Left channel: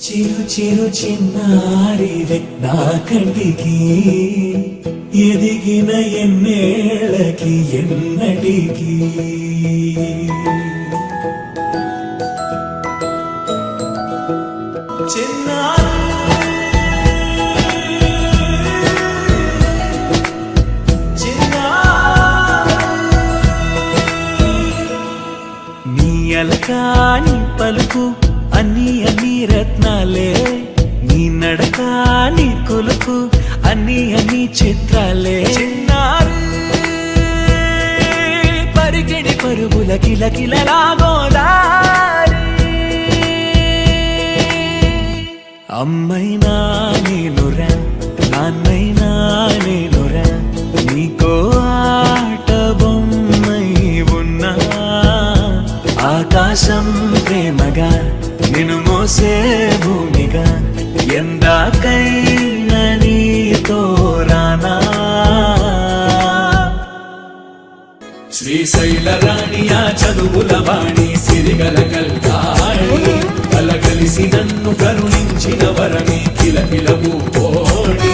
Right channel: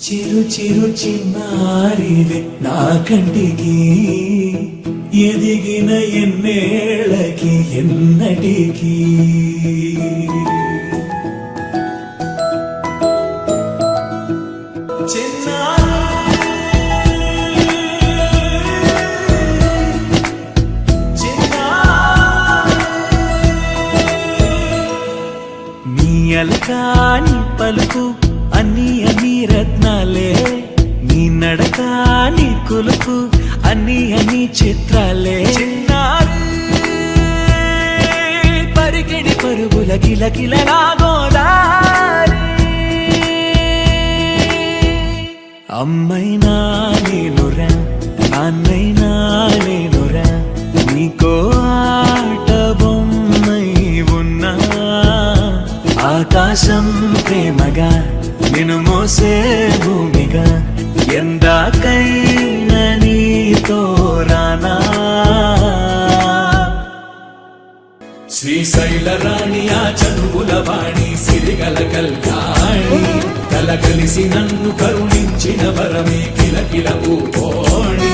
చిరు చిరు చిన్నారివే నా కంటికి ఎదిగిన ఎన్నేళ్ళకి ఎన్నటికి నీ అలకాని పలుకు అన్ని అన్ని రత్నాలే నీ నడక నీ కులుకు అన్ని అన్ని చిత్రాలే చిన్నారు పరిగిణి పరుగుల కిలకిలలాగోదారి అమ్మైనా నేనురా నాన్నైనా నేనురా నీకో ఆట బొమ్మై ఉన్నా ఆకాశం ప్రేమగా నిన్ను మోసే భూమిగా ఎందాకైనా నీతో రానా శ్రీశైల రాణి ఆ చదువుల వాణి సిరిగల కల్యాణి కలగలిసి నన్ను కరుణించిన వరమే కిలకిలవు కోణి